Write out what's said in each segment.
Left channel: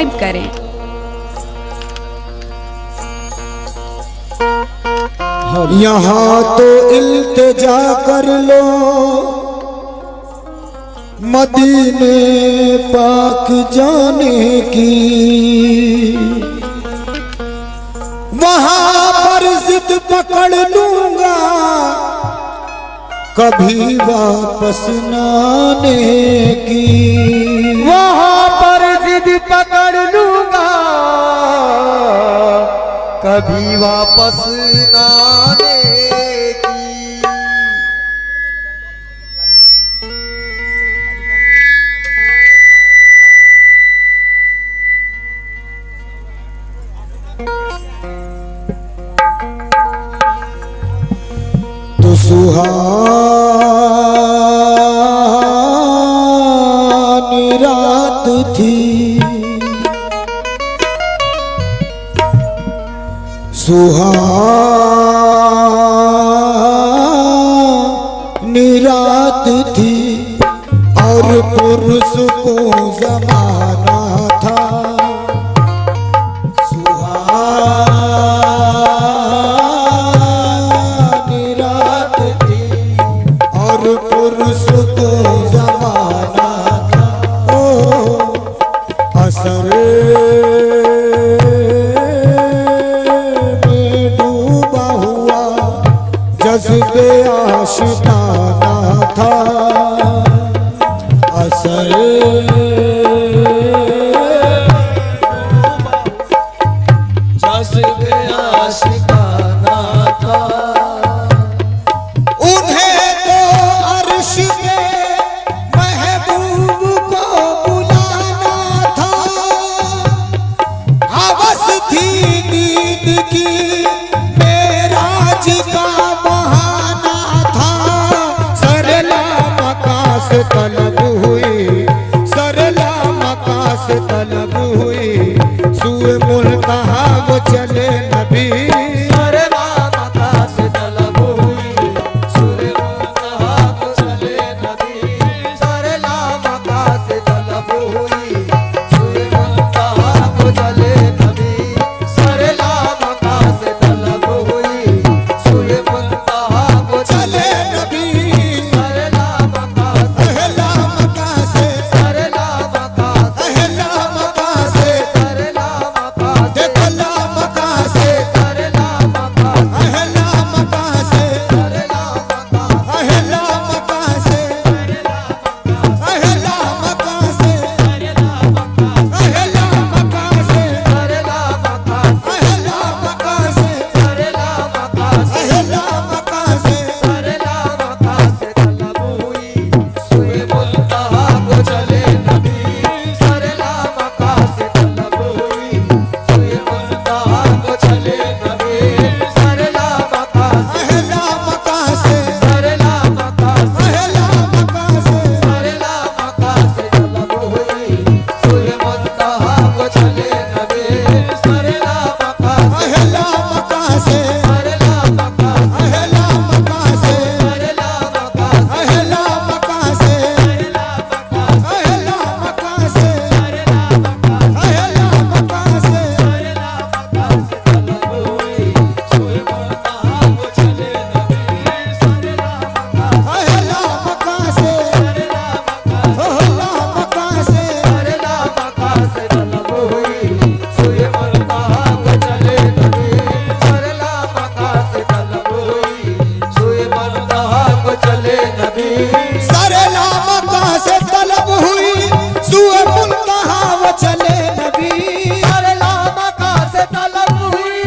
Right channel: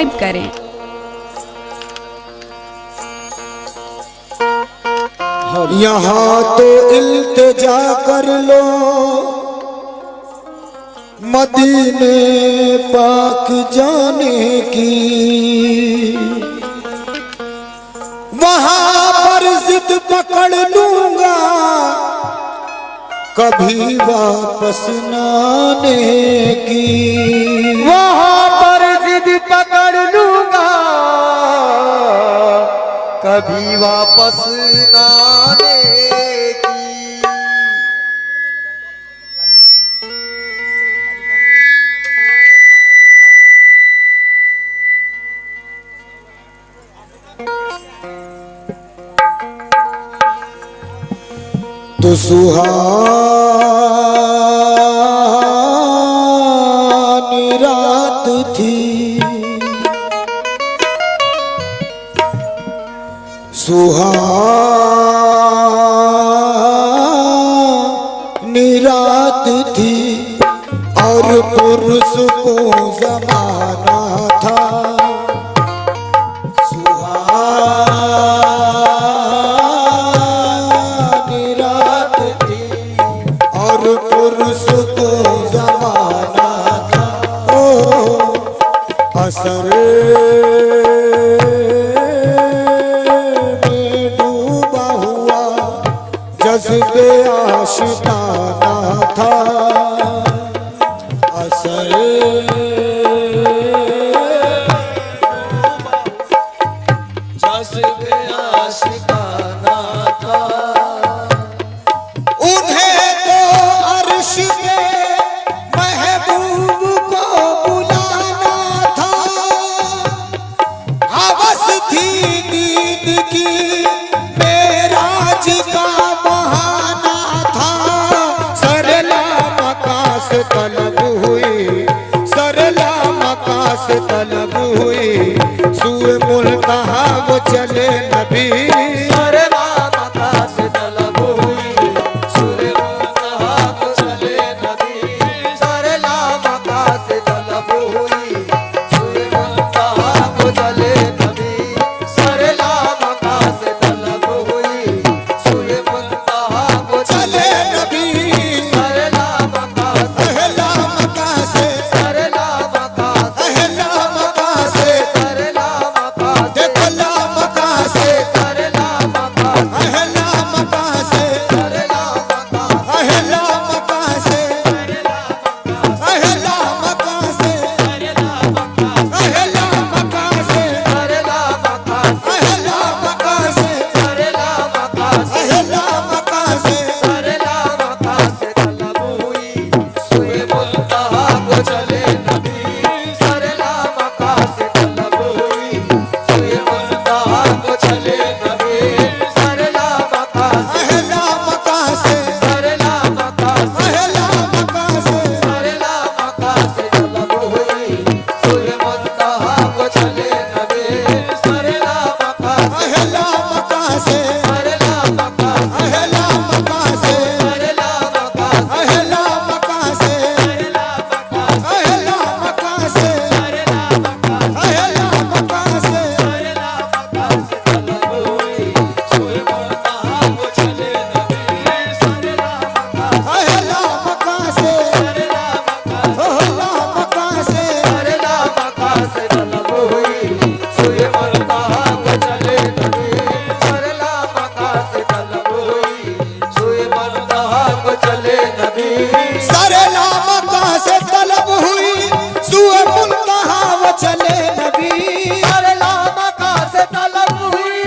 Subscribe करें। यहाँ तो इल्तिजा कर लो मदीने पाक जाने की, वहाँ पर जिद पकड़ लूंगा कभी वापस न आने की। वहाँ पर जिद पकड़ लूंगा कभी वापस न आने की। तो सुहानी रात थी, सुहानी रात थी और पुरसुकून ज़माना था। असर में डूबा हुआ जज्बे आशिकाना था। असर जज्बे आशिकाना था। उन्हें तो अर्श के महबूब को बुलाना था। हवस थी दीद की मेराज का बहाना था। सरला मकास तलब हुई, सरला मकास तलब हुई, सुए मुल्तहा वो चले नबी। सरला मकास तलब हुई, सुए मुल्तहा वो चले नबी। सरला मकास तलब हुई, सुए मुल्तहा वो चले नबी। सरला मकास तलब हुई, सुए मुल्तहा वो चले नबी। सरला मकास अहला मकास, सरला मकास अहला मकास, सरला मकास देखला मकास, सरला मकास अहला मकास, सरला मकास अहला मकास, अहला मकास, अहला मकास, सरला मकास अहला मकास, सरला मकास अहला मकास। सरला मकास तलब हुई, सुए मुल्तहा को चले नबी। सरला मकास तलब हुई, सुए मुल्तहा को चले नबी। सरला मकास अहला मकास, सरला मकास अहला मकास, सरला मकास तलब हुई, सुए मुल्तहा को चले नबी। सरला मकास अहला मकास, सरला मकास अहला मकास, सरला मकास अहला मकास, अहला मकास, अहला मकास। तलब हुई, सुए मुल्तहा को चले नबी। सरला मकास अहला मकास, सरला मकास अहला मकास, सरला मकास तलब हुई, सुए मुल्तहा को चले नबी। सरला मकास तलब हुई, सुए मुल्तहा को चले नबी। सरला मकास तलब हुई, सुए मुल्तहा वो चले नबी। सरला मकास तलब हुई,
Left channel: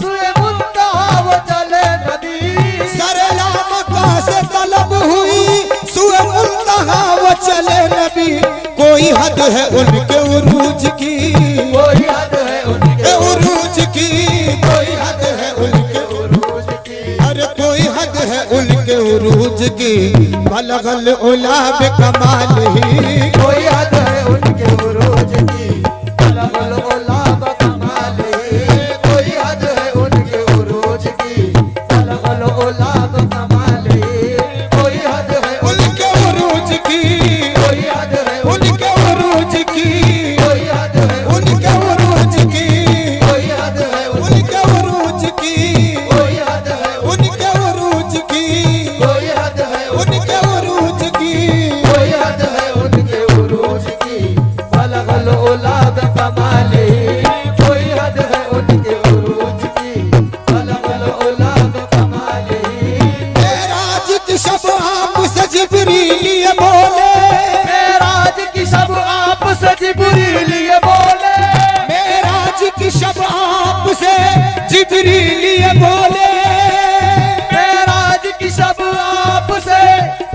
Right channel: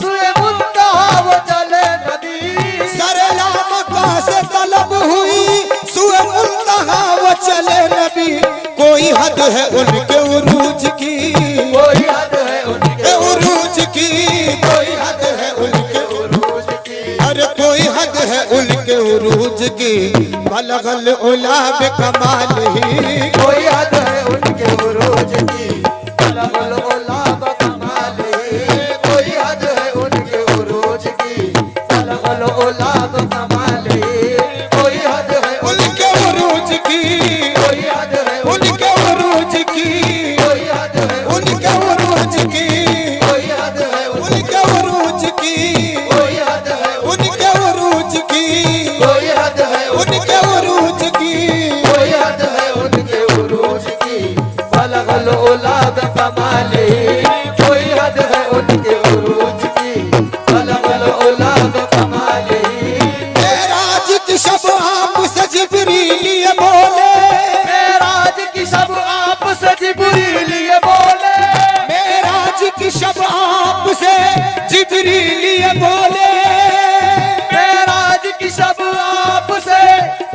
सुए मुल्तहा वो चले नबी। सरला मकास तलब हुई, सुए मुल्तहा वो चले नबी। कोई हद है उनके उरूज की, कोई हद है उनके उरूज की, कोई हद है उनके उरूज की। अरे कोई हद है उनके उरूज की। बलगल उला बेकमाल ही, कोई हद है उनके उरूज की। बलगल उला बकमाल ही। कोई हद है उनके उरूज की। बलगल उला बकमाल ही। कोई हद है उनके उरूज की, कोई हद है उनके उरूज की, कोई हद है उनके उरूज की, कोई हद है उनके उरूज की, बलगल ओला बकमाले, कोई हद है उनके उरूज की, बलगल ओला बकमाले। मेराज की शब आपसे जिब्रील ये बोले, मेराज की शब आपसे जिब्रील ये बोले, मेराज की शब आपसे जिब्रील ये बोले, मेराज की शब आपसे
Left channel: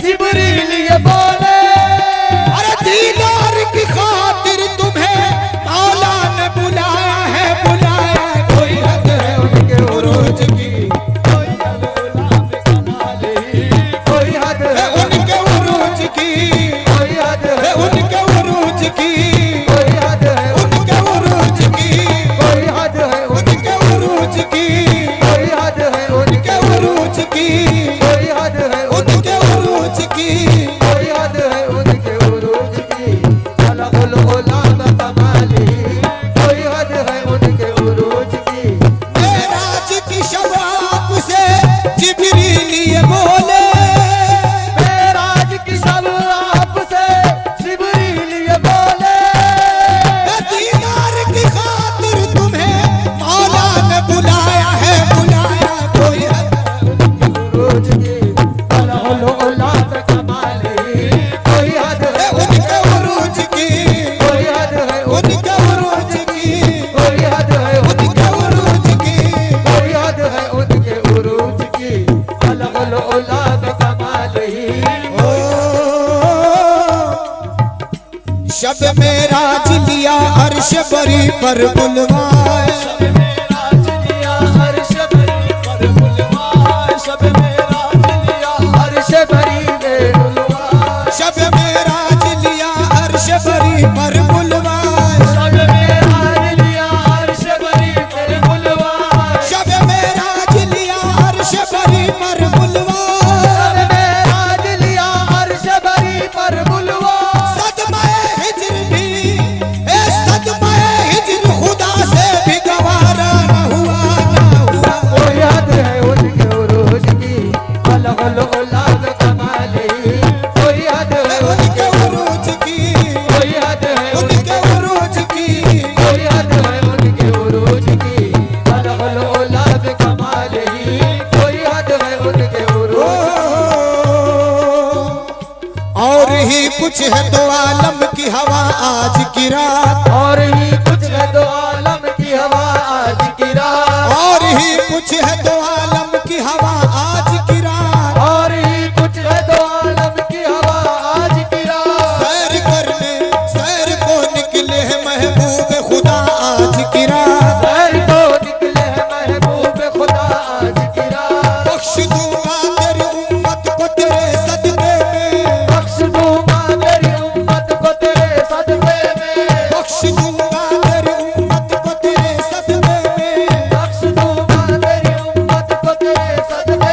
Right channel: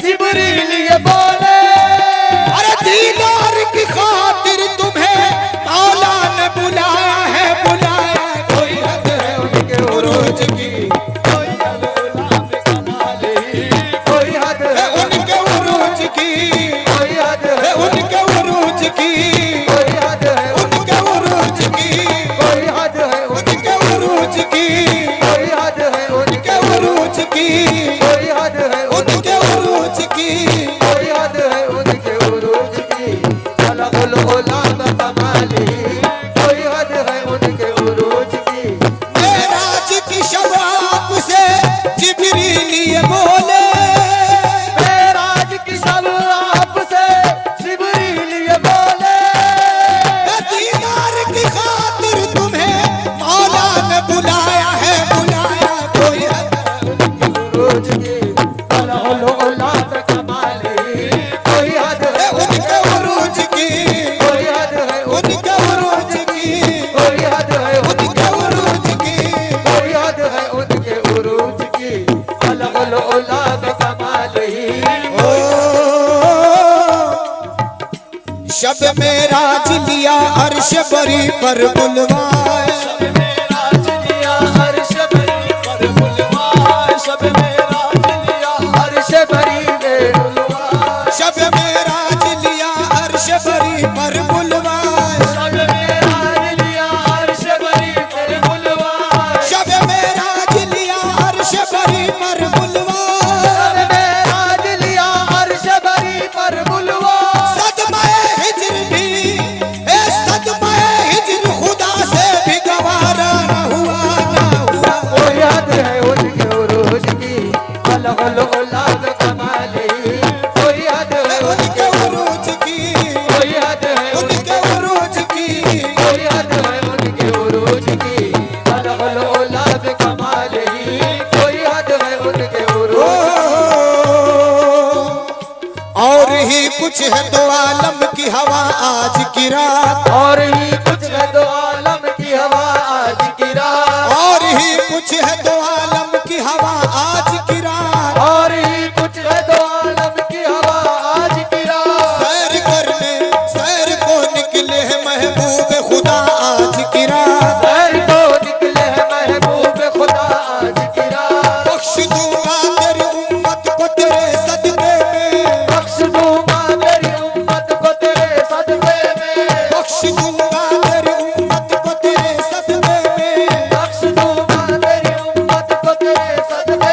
जिब्रील ये बोले। अरे दीदार की खातिर तुम्हें मौला ने बुलाया है, बुलाया है। कोई हद है उनके उरूज की, कोई हद ओला बकमाले, कोई हद है है उनके उरूज की, कोई हद है है उनके उरूज की, कोई हद है उनके उरूज की, कोई हद है उनके उरूज की, कोई हद है उनके उरूज की, कोई हद है उनके उरूज की। कोई हद है उनके उरूज की, बलगल ओला बकमाले, कोई हद है उनके उरूज की। मेराज की शब आपसे जिब्रील ये बोले, मेराज की शब आपसे जिब्रील ये बोले, दीदार की खातिर तुम्हें मौला ने बुलाया है, बुलाया। कोई हद है उरूज की, बलगल ओला बकमाले, कोई हद है उनके उरूज की, कोई हद है उनके उरूज की, कोई हद है उनके उरूज की। कोई हद है उनके उरूज की, बलगल ओला बकमाले। ओ, शब मेराज लिया अर्श बरी पर बुलवाए, मेराज लिया अर्श बरी पर बुलवाए, शब मेराज लिया अर्श बरी में बुलवाए, शब मेराज लिया अर्श बरी पर बुलवाए, शब मेराज लिया अर्श बरी पर बुलवाए, शब मेराज लिया अर्श बरी पर बुलवाए। शब मेराज लिया अर्श बरी पर बुलवाए। सदमाए हिज्र भी, ए सदमाए हिज्र खुदा से भी गवारा न हुआ, न हुआ। कोई हद है उनके उरूज की, बलगल ओला बकमाले, कोई हद है उनके उरूज की, कोई हद है उनके उरूज की। कोई हद है उनके उरूज की, बलगल ओला बकमाले, कोई हद है उनके ओ, उरूज। और ही कुछ है तो आलम की हवा आज की रात, और ही कुछ है दो आलम की हवा आज की रात, और ही कुछ है तो आलम की हवा आज की रात। और ही कुछ है दो आलम की हवा आज की रात। सैर करने सैर को निकले हैं महबूब खुदा आज की रात। सैर को निकले हैं महबूब खुदा आज की रात। बख्श दूंगा तेरी उम्मत को तेरे सदके में, बख्श दूंगा मेरी उम्मत को तेरे सदके में, बख्श दूंगा तेरी उम्मत को तेरे सदके में। बख्श दूंगा मेरी उम्मत को तेरे सदके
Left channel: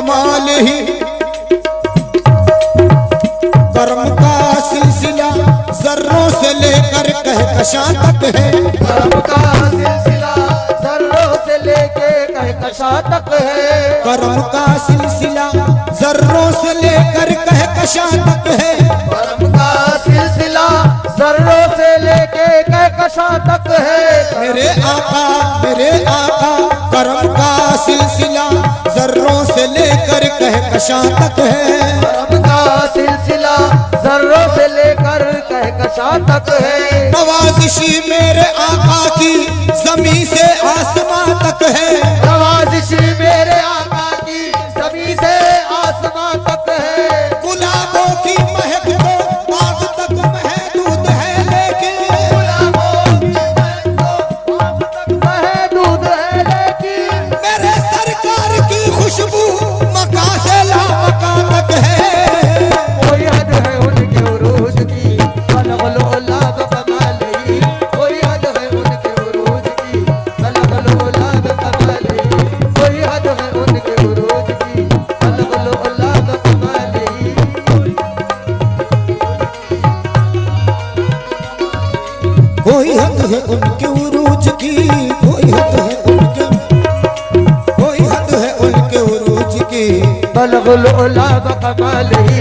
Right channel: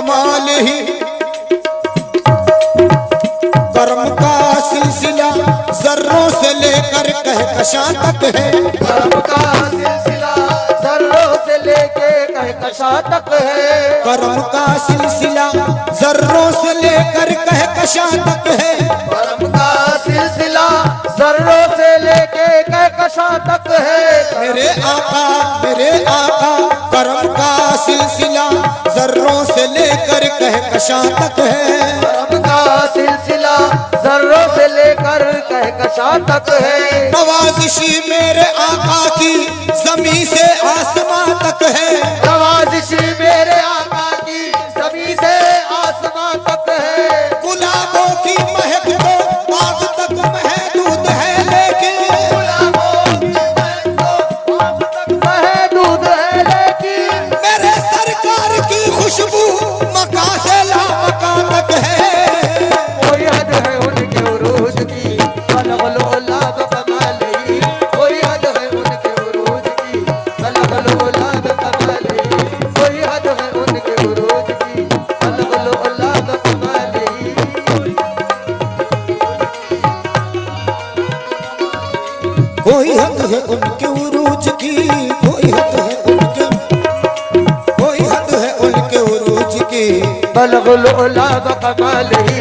जमाल ही कर्म का सिलसिला जर्रों से लेकर कहकशां तक है। कर्म का सिलसिला जर्रों से लेके कहकशां तक है। कर्म का सिलसिला जर्रों से लेकर कहकशां तक है। कर्म का सिलसिला जर्रों से लेके कहकशां तक है। मेरे आका कर्म का सिलसिला जर्रों से लेकर कहकशां तक है। कर्म का सिलसिला जर्रों से लेकर कहकशां तक है। नवाजिशी मेरे आका की जमीन से आसमां तक है। नवाजिशी मेरे आका की जमीन से आसमां तक है। गुलाबों की महक तो आग तक महदूद है, लेकिन गुलाबों की महक तो आग तक महदूद है, लेकिन मेरे सरकार की खुशबू मका से लामका तक है। कोई हद है उनके उरूज की, अलग-अलग कमाल ही। कोई हद है उनके उरूज की, अलग-अलग कमाल ही। कोई हद है उनके उरूज की, अलग-अलग कमाल ही। कोई हद है उनके उरूज की, कोई हद है उनके उरूज की। अलग-अलग कमाल ही।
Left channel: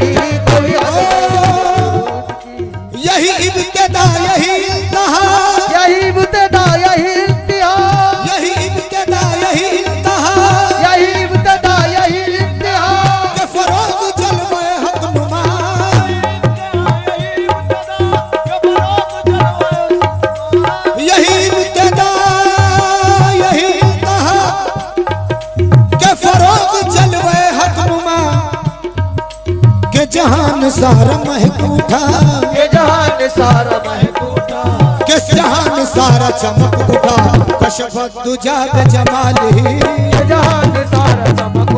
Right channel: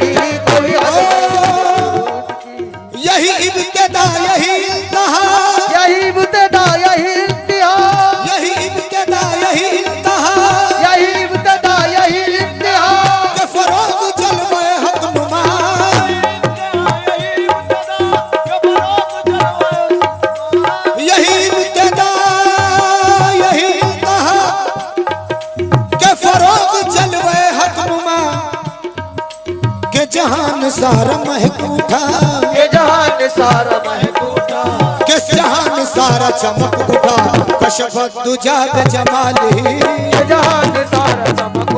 कोई हद है यही इब्तिदा यही इंतहा, यही इब्तिदा यही इंतहा, यही इब्तिदा यही इंतहा यही इब्तिदा यही इंतहा। के फरोग जलवे हक नुमा। यही इब्तिदा यही इंतहा के फरोग जलवे हक नुमा। के जहान सारा महक उठा, ये जहान सारा महक उठा, किस जहान सारा चमक उठा। कशफत दुजा जमाल ही, ये जहान सारा चमक